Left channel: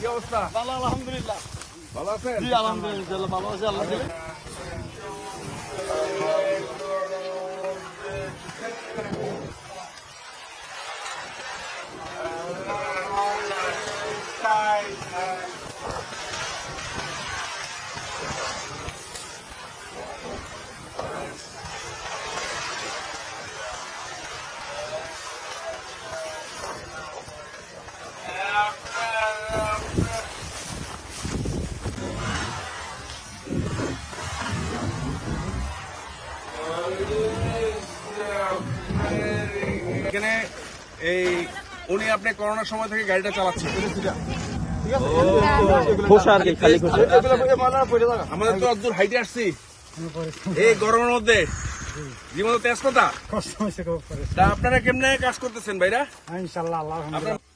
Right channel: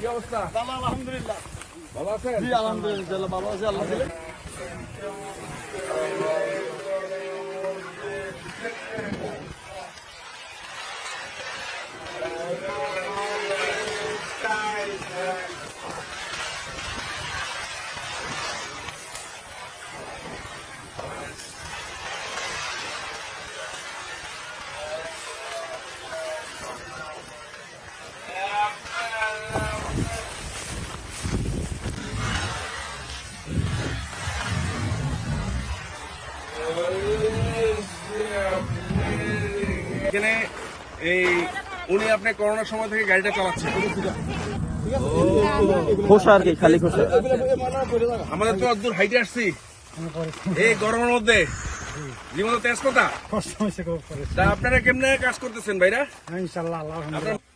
কি অবস্থা? ভালো আলহামদুলিল্লাহ। ভালো আছেন? জি আলহামদুলিল্লাহ ভালো আছি আলহামদুলিল্লাহ। এখানে এই উনি আপনি করোনার সময় থেকে গাড়িটা চালাচ্ছেন। আমাদের তো দূর হাইটে আসছি এই গরমের মধ্যে, জীবন তেজ কথা। তা আপনারা কেমনে কাজ করতেছেন ভাইরা? ইনশাআল্লাহ আলহামদুলিল্লাহ।